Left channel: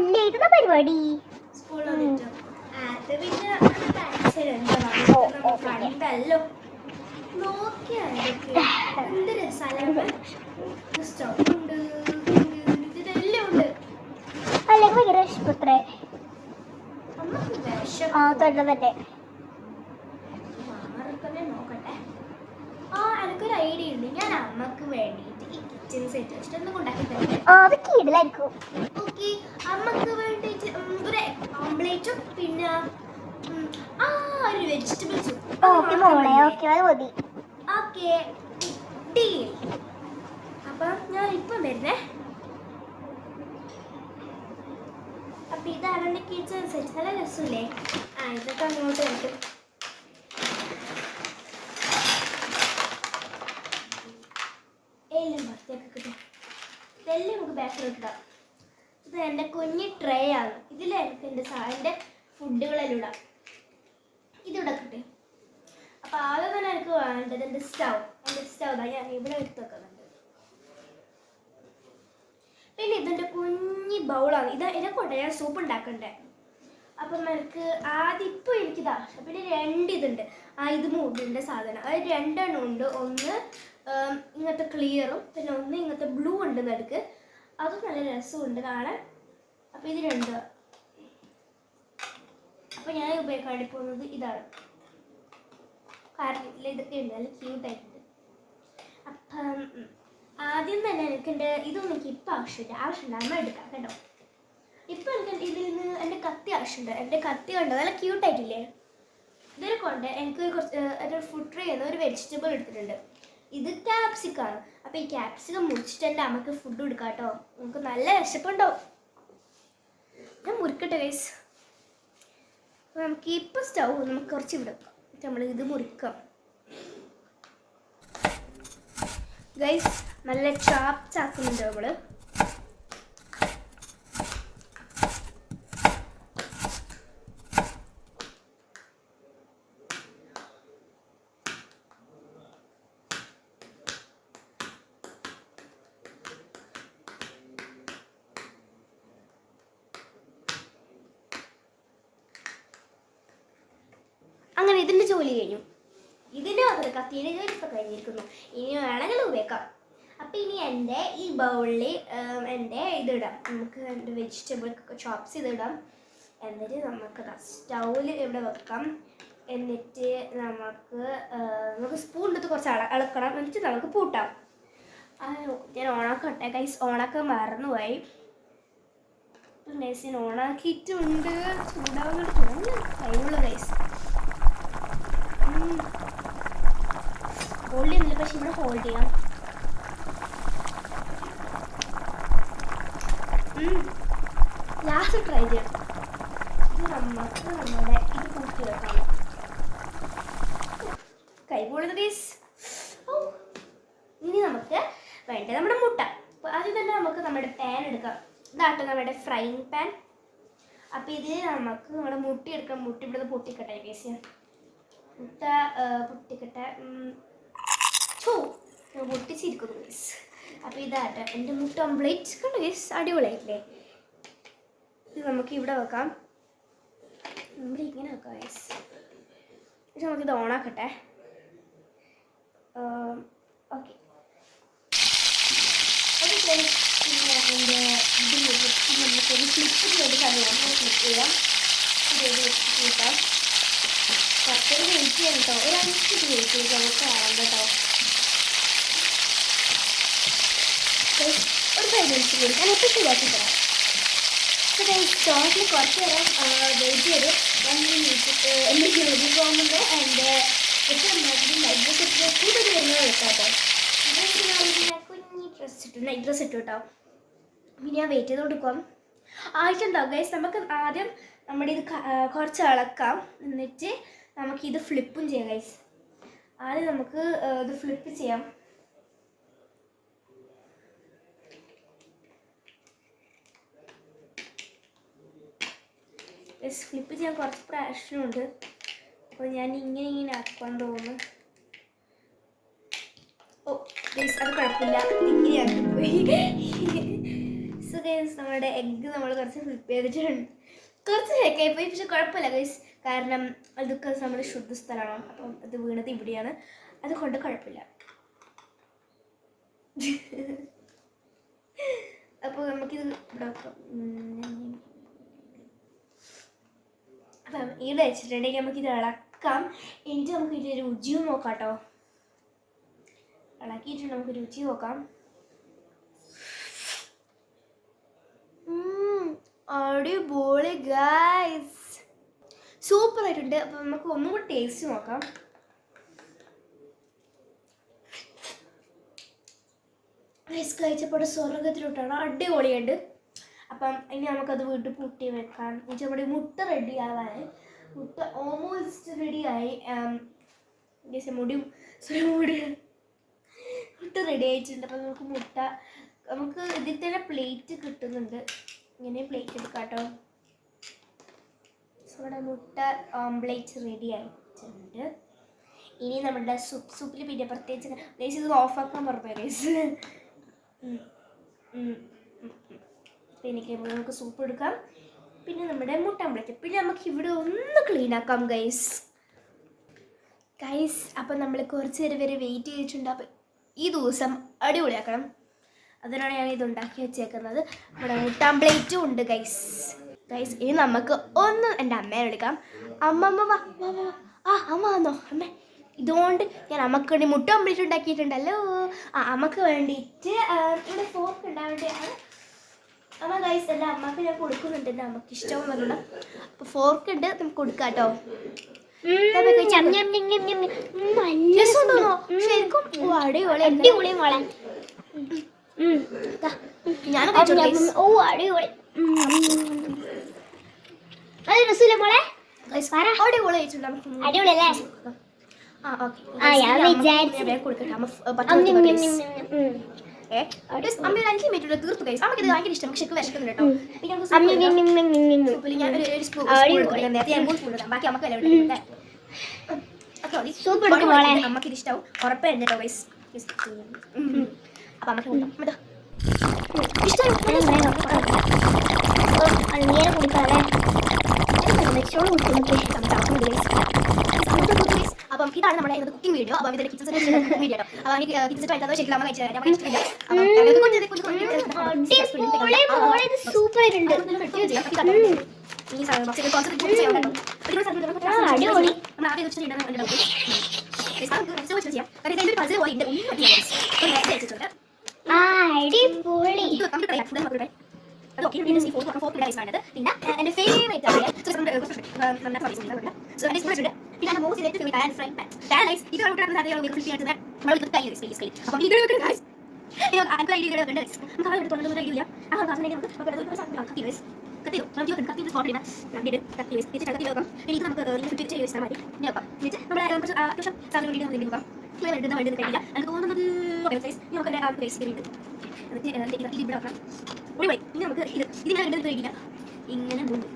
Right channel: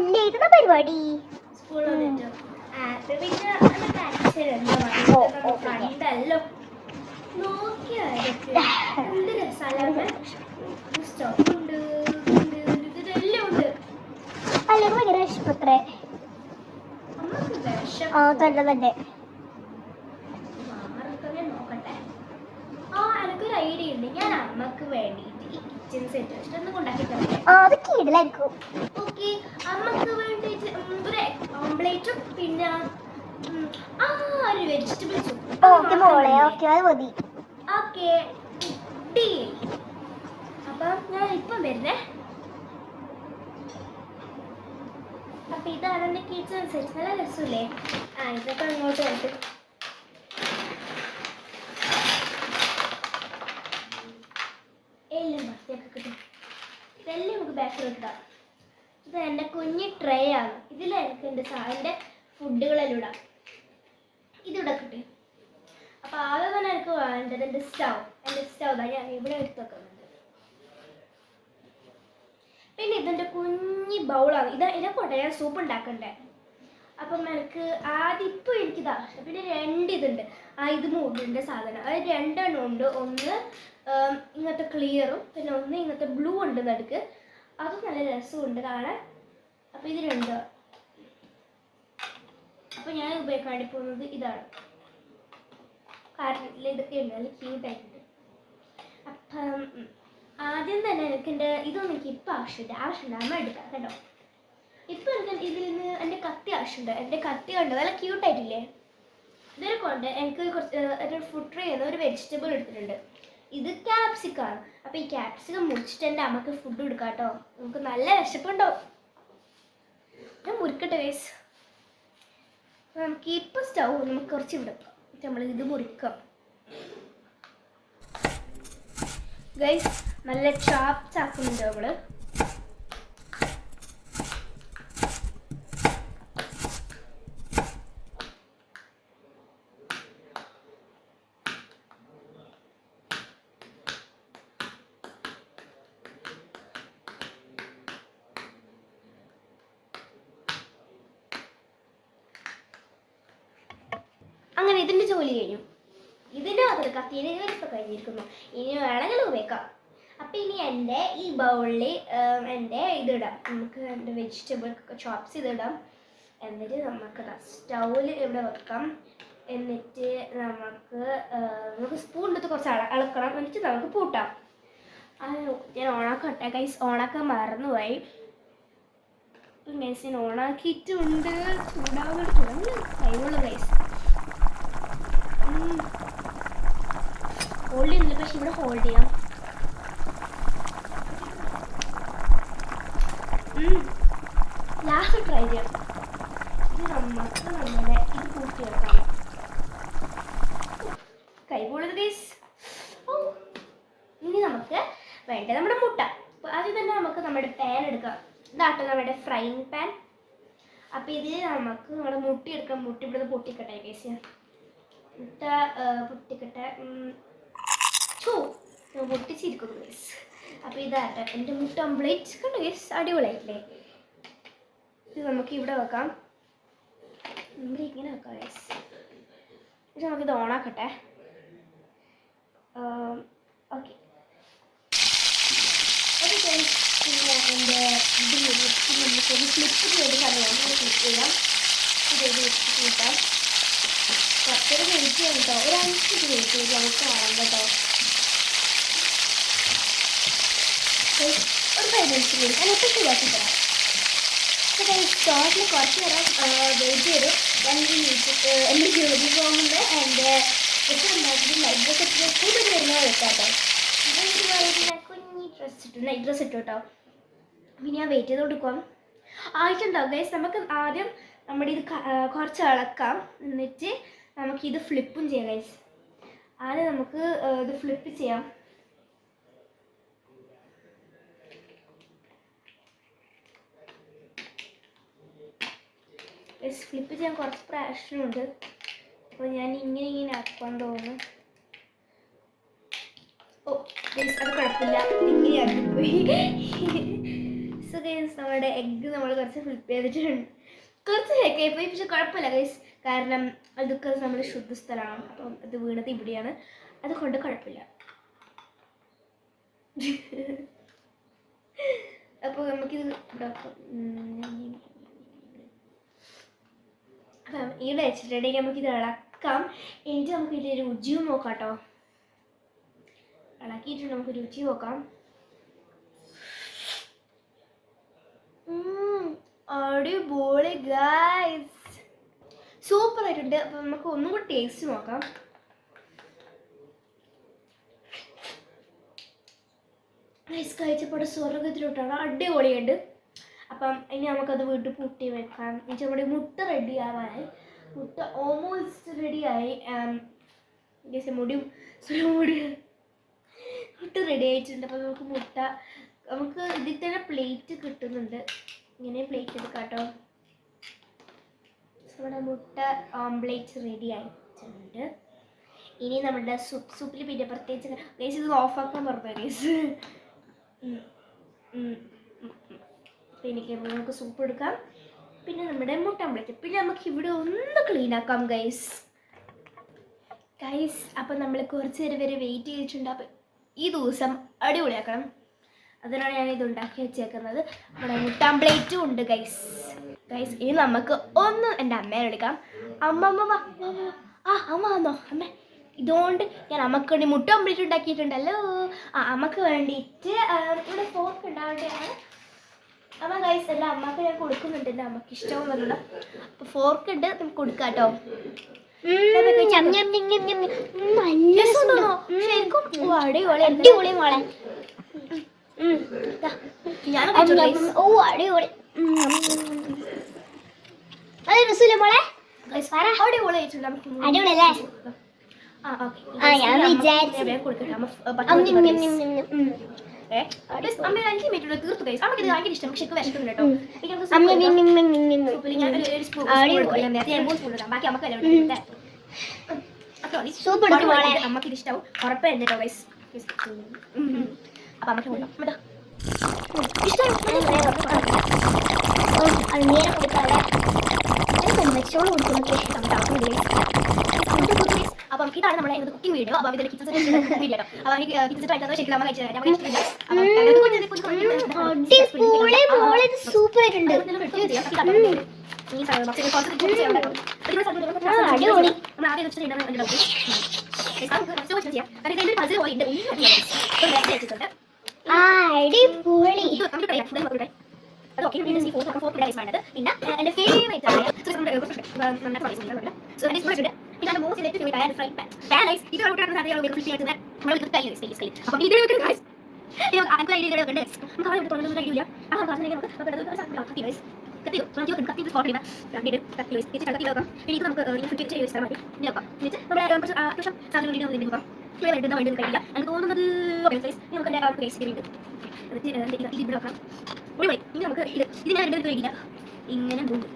അല്ലേക്കുന്ന പരിപാടി സ്കൂളിൽ വന്നിട്ട് അത് പിന്നെ കണ്ടല്ലോ നോക്കിയാലൊക്കെ എന്ത് രസാലമ്മ സ്റ്റൗണ്ട് ഇതെല്ലാം ഉണ്ട്. അല്ലെങ്കിൽ ഭയങ്കര വിഷമത്രേ. അമ്മക്ക് വിഷം തന്നെ മാറിക്കന്നെ നോക്കട്ടെ. എനിക്കൊരു ഐഡിയ ഉണ്ട്. ഞാൻ അമ്മക്ക് വേണ്ടിയിട്ട് ഈ കിച്ചൺ സെറ്റ് വെച്ചിട്ട് ഒന്നും ഉണ്ടാക്കി തരാം. അത് കീഴിലായിരിക്കും. ഓക്കെ, അമ്മക്ക് വേണ്ടിയിട്ട് ഒരു ഓംപ്ലേറ്റും പിന്നെ ഒരു വെജിറ്റബിൾസും. ഓക്കെ മോളെ, ഓക്കെ അത് മതി. Okay deal. അപ്പം ഞാൻ ഇപ്പം വരുന്നേ. അപ്പൊ ഇതാണ് എൻ്റെ കിച്ചൺ സെറ്റ്. നല്ല രസമില്ലേ? ഇതൊക്കെ അങ്ങോട്ട് വരും. എല്ലാം വൃത്തിയൊക്കെ കിട്ടും. ഇതെല്ലാം നമുക്ക് ബാക്കിൽ വെക്കാം. ഇത് എൻ്റെ കുഞ്ഞി ട്രേ ആണ്. ഇതിൽ എനിക്ക് എൻ്റെ ഫുഡുകളെല്ലാം ഇടാം. ഇതിവിടെ കിട്ടും. അപ്പം ആദ്യം തന്നെ എനിക്ക് വേണ്ടത് എൻ്റെ സ്റ്റൗ തന്നെ ഞാൻ ഇവിടെ എടുത്ത് വെക്കുന്നുണ്ട്. പിന്നെ ഇതിൻ്റെ കുഞ്ഞി ബൗളാണ്. ഇതൊക്കെ ഞാൻ സൂപ്പ് ഉണ്ടാക്കണ്ടേ. അപ്പം എനിക്ക് ആദ്യം ഇപ്പോൾ എനിക്കിത് ആവശ്യം. പിന്നെ 2 ഇതുണ്ട്. ഇത് മൂടിൻ്റെ സാധനം. അത് 2 എണ്ണം ഉണ്ട്. ഒന്ന് ഇങ്ങനത്തെ ക്ലിയറും പിന്നെ ഒന്ന് ഇങ്ങനത്തെ ബ്ലൂ ഉണ്ട് നടുക്ക്. അത് നല്ല രസമുണ്ട് കാണാൻ. അപ്പോൾ ഇത് 2. അപ്പോൾ ഞാൻ ഉപയോഗിക്കാൻ വേണ്ടി പോകുന്നത് ഇതാണ്. കാരണം ഇതൊക്കെ ഉണ്ട്, നല്ല ക്യൂട്ടായിട്ടുണ്ട്. അപ്പം ആദ്യം തന്നെ ഇതൊന്നും എനിക്ക് ഇപ്പം ആവശ്യമില്ല. അമ്മ എടുക്കാം കേട്ടോ. ഇപ്പം എനിക്ക് ഇതിൽ നിന്ന് എൻ്റെ കത്തി ആവശ്യമുണ്ട്. എൻ്റെ കത്തി കണ്ടോ നല്ല ക്യൂട്ടായിട്ടില്ലേ? ഇതിൽ കൊണ്ട് എനിക്ക് കുറച്ച് ഫുഡ് ട്രേ ചെയ്യുന്ന ഒരു വെജിറ്റബിൾ എടുത്തിട്ടുണ്ട്. ഇത് ക്യാപ്സിക്കാണ്. അപ്പോൾ ഈ ക്യാപ്സിക്കം മുറിച്ചിട്ട് എൻ്റെ അമ്മക്ക് ഫുഡ് കൊടുക്കാം കേട്ടോ. നമുക്ക് നല്ല വിശപ്പുണ്ടാവും. ഞാൻ മുറിക്കട്ടെ ഗൈസ്. നമുക്ക് ഇപ്പം സ്റ്റൗ നമുക്ക് കുറച്ച് ഉണ്ടാക്കാം. നമ്മളിത് മുറിക്കാം ഗൈസ്. നല്ല ചാക്കുന്നുണ്ട് അവള്. അങ്ങനെ ഇതിൻ്റെ ജോലി കഴിഞ്ഞു. ഇതിൻ്റെ കത്തിയുടെ ജോലി ഇപ്പം കഴിഞ്ഞിരിക്കുന്നു. ഇനി വേണമെങ്കിൽ ഉപയോഗിക്കാം. അപ്പം ഇനി എൻ്റെ ഈ ബൗളിൽ എൻ്റെ ഇതിടാം. നമുക്ക് എൻ്റെ വെജിറ്റബിൾ ചോപ്സ് ഇതിടാം. എന്നിട്ട് നമുക്ക് സ്റ്റൗവിൽ ഇവിടെ വെക്കാം. എന്നിട്ട് നമുക്ക് സ്പൂൺ എടുത്ത് കുറച്ച് ഇളക്കണം. എന്നിട്ട് നമുക്ക് പൂട്ടാം. ഞാൻ ഓണാക്കട്ടെ ഗൈസ്. ഓണാക്കാൻ മറന്നുപോയി. ഇപ്പം ഗൈസ് ഞാൻ ഓണാക്കിയിട്ടുണ്ട്. ചൂടാവുന്നത് തുടങ്ങി കഴിവുള്ള ഗൈസ്. ഹോൾഡ് ചെയ്യുന്നില്ല, പക്ഷെ ഇവിടെ ഹോൾഡ് ചെയ്യാം. ലാസ്റ്റ് ട്രൈ ചെയ്യാം. നമുക്ക് നമ്മുടെ ഇത് കൂട്ടി വെക്കാം. കൈപോളത് ഗൈസ്. ഇനി നമുക്ക് വേണ്ടത് നമ്മുടെ മുട്ട. ആദ്യം തന്നെ നമുക്ക് നമ്മുടെ പാൻ എടുക്കാം. ഇതാട്ടോ നമ്മുടെ ഫ്രൈയിങ് പാൻ. അപ്പം ഇതിൽ നമുക്ക് നമ്മുടെ മുട്ട എടുക്കാം. മുട്ട ഇവിടെ പൊട്ടിക്കട്ടെ ഗൈസ്. മുട്ട പൊട്ടിക്കട്ടെ. പൊട്ടിച്ചിരിക്കുന്നു ഗൈസ്. അപ്പോൾ ഇതാട്ടെ എൻ്റെ മുട്ട ഓംപ്ലേറ്റ്. കണ്ടോ ഗൈസ്, അടിപൊളിയായിട്ടില്ലേ? ഇത് നമുക്ക് ഇവിടെ വെക്കാം. നമ്മൾ ഇങ്ങനെ വെക്കാം ഗൈസ്. പക്ഷെ നമുക്കിത് ഓണാക്കട്ടെ. ഓക്കെ, നമുക്കൊരു ഫ്ലിപ്പ് ചെയ്ത് സമയമാണ് ക്ലിക്ക് ചെയ്യാം. ഇത് വെച്ചിട്ട് പത്തൊരു മിനിറ്റ് കേട്ടോ. ഒരു 5 മിനിറ്റ് നമുക്ക് ആവാം കേട്ടോ. ഒരു 5 മിനിറ്റ് കൂടി ഞാനിപ്പോൾ ശരിയാക്കി തരാം. സ്റ്റോറിൽ കുറച്ച് നേരം വെയിറ്റ് ചെയ്ത് 1 മിനിറ്റ് എൻ്റെ ജോലി പോകുന്നുണ്ട്. എൻ്റെ ഡ്രസ്സ് ഉണ്ടാക്കിയിട്ട് നൈറ്റ് ഡ്രസ്സ് ഇട്ട് കൂട്ടി വരുന്നത് വെക്കാട്ടോ. കുഞ്ഞി ഡ്രസ്സ് ഇട്ടു, നൈറ്റ് ഡ്രസ്സ് ഇട്ടു കേട്ടോ. പിന്നെ ഞാൻ വെയിറ്റ് ചെയ്ത് കൊടുക്കാം. ആവശ്യമുണ്ടാവും ഗൈസ്. നമുക്ക് ആദ്യം നമ്മുടെ ഇത് കുറച്ച് ഇളക്കാം. എന്നിട്ട് നമുക്കിത് ഫ്ലിപ്പും ചെയ്യാം ഗൈസ്. ആദ്യം നമുക്ക് ഇത് ഫ്ലിപ്പ് ചെയ്യാം. ഫ്ലിപ്പ് ചെയ്യാൻ കുറച്ച് പ്രശ്നമുണ്ട്. അപ്പോൾ ഞാൻ ഇങ്ങനെ ആക്കാൻ തോന്നുന്നു. ഓ ഗൈസ്, അത് കുഴപ്പമില്ല, ഇങ്ങനെ ആക്കിപ്പോയി. സോ ഗൈസ് നമ്മുടെ എഗ്ഗ് നമ്മൾ കുറച്ച് ഫ്ലിപ്പ് ചെയ്തിട്ടുണ്ട്. കുറച്ച് ശരിയായി പോയി, പക്ഷെ കുഴപ്പമില്ല ഗൈസ്. കാരണം അതൊക്കെ നമ്മുടെ ശുദ്ധ സ്ഥലമാണ്. അപ്പം അത് വീണത് ഇവിടെയാണ്, അതുകൊണ്ട് കുഴപ്പമില്ല. അപ്പോൾ നമുക്കിത് ഇവിടെ വെക്കാം. അപ്പം ഇവിടെ വെച്ചിട്ടുണ്ടെങ്കിൽ നമുക്കിത് ഇളക്കാം. എന്നിട്ട് നമുക്ക് ഇതിൻ്റെ രുചിയും നോക്കാം കേട്ടോ. ഇളക്കിയിട്ട് നമുക്ക് രുചി നോക്കാം. അടിപൊളി ഗൈസ്, സൂപ്പർ ആയിട്ടുണ്ട്. അപ്പം നമുക്ക് ഒന്നും കൂടി ടേസ്റ്റ് നോക്കാം. ഗൈസ് കഴിച്ചപ്പോൾ സ്വർഗത്തിലോട്ടാണ്, അടിപൊളിയുണ്ട്. അപ്പം ഇനി നമുക്കത് വീട്ടിൽ പൂട്ടി വെക്കാം. എന്നിട്ട് നമ്മുടെ മുട്ട റെഡി ആവാനായി, മുട്ട ഓൾമോസ്റ്റ് റെഡിയായി. മുട്ട റെഡി ആയിട്ടുണ്ട്. അപ്പം നമുക്ക് ഇതിൽ തന്നെ പ്ലേറ്റ് കിട്ടുന്നുണ്ട്. ഇങ്ങനെ പ്ലേറ്റ് എടുക്കാം കേട്ടോ. നമ്മുടെ മുട്ട ഓംപ്ലേറ്റ് റെഡി ആയിട്ടുണ്ട്. ഇനി നമ്മുടെ സൂപ്പിൽ പിന്നെ പ്രത്യേകിച്ച് ഗൈസ് ഇത് ഓഫാക്കാൻ പറഞ്ഞു ഗൈസ്. എനിക്ക് നമുക്ക് സൂപ്പ് എടുക്കാം. പിന്നെ നമ്മുടെ മുട്ട ഓംപ്ലേറ്റ്. പിന്നെ നമുക്ക് ഇവിടെ ഒന്ന് ക്ലീൻ ആക്കാം ഗൈസ്. അപ്പം നമ്മൾ കുറച്ച് നേരം വരെ വെയിറ്റ് ചെയ്തിട്ടുണ്ട്. അപ്പം ഈ ദിവസം അടിപൊളിയാക്കണം, അതിനാണ് ഞാൻ ഇത് ഉണ്ടാക്കി വെച്ചേക്കുന്നത്. നമ്മുടെ മുട്ട ഓംപ്ലേറ്റും ഉണ്ട് ഗൈസ്. ഇനി നമുക്ക് ഒന്ന് എൻ്റെ അമ്മേനെ വിളിക്കാം. അമ്മ വാ. അമ്മ വന്നോ? അമ്മ ഇതുകൊണ്ട് ഞാൻ അമ്മക്ക് വേണ്ടി മുട്ട ഓംപ്ലേറ്റ് ഉണ്ടാക്കിയിട്ടുണ്ടല്ലോ. അമ്മക്ക് വേണ്ടിയിട്ട് ഇവിടെ ഫോർക്ക് ഉണ്ടാവേണ്ടതാണ്. അമ്മ ഗൈസ് അല്ല, അമ്മക്ക് ഞാൻ കൊടുക്കുന്നുണ്ട്. എൻ്റെ അമ്മക്ക് ഇഷ്ടമെന്ന് പറഞ്ഞില്ല. അപ്പോൾ ഫോർക്ക് ഉണ്ട്, നമുക്ക് കൊടുക്കാം കേട്ടോ. അടിപൊളി മോളെ. തീർത്തു ഗൈസ്. അമ്മക്ക് ഇത് ഭയങ്കര ഇഷ്ടം, പക്ഷെ വിശക്കുന്നുണ്ട് കേട്ടോ. ബാക്കി അമ്മക്ക് അമ്മക്ക് ഇത് ഇഷ്ടമാവും ഉറപ്പായിരുന്നു കേട്ടോ ഗൈസ്. അപ്പം അമ്മക്ക് കൊടുക്കാം. അപ്പം ഇതാണ് നമ്മുടെ കുക്കിംഗ് വീഡിയോ. അപ്പം ഇതിന്റെ കിച്ചൺ സെറ്റ് വീഡിയോ കേട്ടോ. അപ്പം എനിക്ക് കിച്ചൺ സെറ്റ് ആയിട്ടോ ശരിക്കും അമ്മ കഴിച്ചു തരാം. നമുക്ക് ഇഷ്ടമില്ല. പിന്നെ എന്റെ ഫേവറേറ്റ് ആണ് ഇതാണ് most favourite pan fry pan. ഇത് ഔട്ടാണ് സാധ്യത ഫിൽറ്റർ നമ്മൾ ഇത് കൈ സ്പേസ് അപ്പം ഇത് വെക്കുക ഗൈസ്. നമുക്ക് ഐഡിയ വെക്കണ്ടേ? നമുക്ക് അവിടെ കൊണ്ടുവന്ന കഴിയില്ല. ആ കാരണമാണ് നമുക്ക് കത്തി ഗൈസ്. കത്തി കത്തി ഫോട്ടോ ഇടാം. കത്തി ഗൈസ് ഇത് കത്തി വെക്കാം. എനിക്ക് നമുക്ക് ഫിൽറ്റർ ചെയ്ത് വെച്ചാൽ മതി. നോക്കാം. എന്നിട്ട് നമ്മുടെ കുറച്ച് അത്യാവശ്യം സാധനങ്ങൾ ഇടുന്ന വേണ്ടി നോക്കാം. ഫ്ലേവർ ഇടുന്ന വേണ്ടി കഴിയില്ല. എനിക്ക് തോന്നുന്നത് ഗൈസ് നമുക്ക് എൻ്റെ പേസ്റ്റ് ചെയ്തിട്ട് ഇവിടെ വെക്കാം. ഇനി നമുക്ക് ഇത് ഞാൻ ഇടുന്നത് കഴിയില്ല. ഇങ്ങനെ പോകും.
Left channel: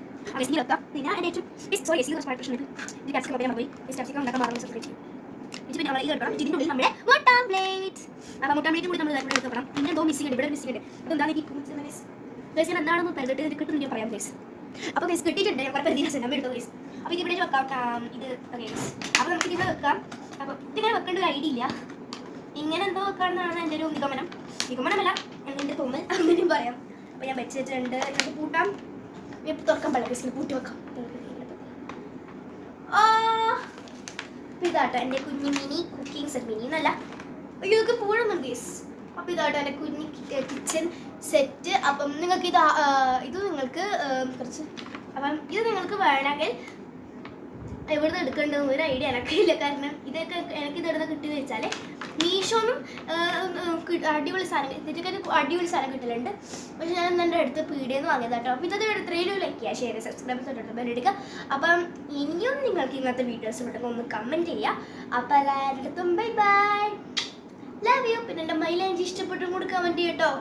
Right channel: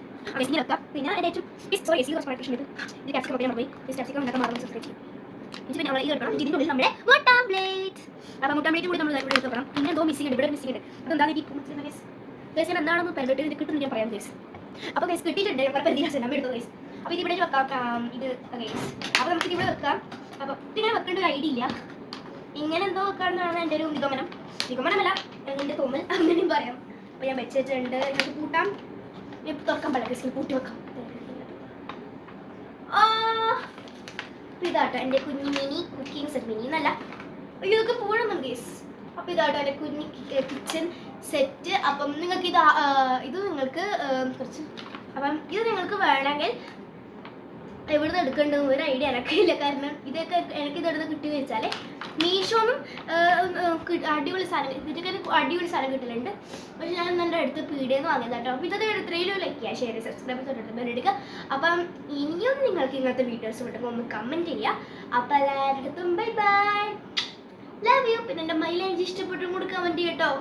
ഇങ്ങനെ വെക്കാം. പിന്നെ എൻ്റെ ഏറ്റവും സോറി കുറച്ച് പ്രശ്നം ഇത് കാപ്സിക്കം ഒക്കെ പോയി കാപ്സിക്കം ഉണ്ടാക്കാൻ മാറുന്ന സബ്സ്ക്രൈബ് ചെയ്യും. പിന്നെ നമ്മൾ ഈ എടുക്കണം. ഇതിൻ്റെ ഉള്ളിൽ നമ്മുടെ മുട്ട ഓംപ്ലേറ്റ്. അപ്പോൾ മുട്ട ഓംപ്ലേറ്റും കൂടി നമ്മൾ ഇവിടെ എടുത്ത് വെക്കണം. പിന്നെ എന്തോ മിസ്സിംഗ് ഉണ്ട്, ഇവിടെ മിസ്സിംഗ് ഉണ്ട്. അതെന്താണ് ഈ ഗൈസ് ഞാൻ എന്താണെന്ന് പറഞ്ഞിട്ട് ഇത് കിട്ടും ഞാൻ പറയാം ഗൈസ്. അപ്പോൾ ഗൈസ് കിട്ടിയിട്ടുണ്ട്. കുഴപ്പം എന്തിനാ നമ്മൾ എടുത്തു ഗൈസ്. അപ്പോൾ ഇത് ഇവിടെ വെക്കാം. ഇത് ഗൈസ് അപ്പോൾ നമുക്ക് ഇവിടെ വെക്കാം. അപ്പോൾ ഇതിങ്ങനെ വെക്കേണ്ട ഒരു ഐഡിയ ഇല്ല. ഇങ്ങനെ എന്തോ വെക്കാമെന്നാണ് എൻ്റെ ഒരു നിഗമനമല്ല എൻ്റെ തോന്നൽ, അങ്ങനെയും പറയാം. അപ്പോൾ ഞാൻ വെച്ചിട്ടുണ്ട്. നമുക്ക് കൂട്ടാം. തുറക്കാൻ പറ്റില്ല ഗൈസ്, കൂട്ടി വെക്കാം. ഇതാട്ടോ എൻ്റെ കുഞ്ഞി മിനി കുക്കിംഗ് സെറ്റ്. മിനി എന്നല്ല, ഇതൊക്കെ പൂഴുന്നുണ്ട് ഗൈസ്. അപ്പോൾ ഇതാട്ടോ എൻ്റെ കുഞ്ഞി കിച്ചൺ സെറ്റ്. അപ്പം നിങ്ങൾക്ക് ഇത് നിങ്ങൾക്ക് കുറച്ച് ഇത് നിങ്ങൾക്ക് വേണമെങ്കിൽ എവിടുന്ന് എടുക്കേണ്ടത് ഒരു ഐഡിയ എനിക്കില്ല. കാരണം ഇതൊക്കെ എനിക്കിത് എവിടുന്ന് കിട്ടിയെന്ന് വെച്ചാൽ മീഷോന്നും അടിപൊളി സാധനം ഇതിനൊക്കെ അടിപൊളി സാധനം കിട്ടലുണ്ട്. പക്ഷെ ഞാൻ എൻ്റെ അടുത്ത് പീടിയെന്ന് വാങ്ങിയത് കേട്ടോ. അപ്പോൾ ഇതൊക്കെ 3 ലൈക്ക് ഷെയർ സബ്സ്ക്രൈബ് എടുക്കുക. അപ്പം ഇനിയും നിങ്ങൾക്ക് ഇങ്ങനത്തെ വീഡിയോസ് ഉണ്ടെങ്കിൽ ഒന്ന് കമൻറ്റ് ചെയ്യുക. അപ്പോൾ എല്ലാവരുടെ അടുത്തും ബൈ ബൈ, ലവ് യു. പിന്നെ എൻ്റെ മൈലാഞ്ചി ഇഷ്ടപ്പെട്ടും കൂടി കമൻറ്റ് ചെയ്യട്ടോ.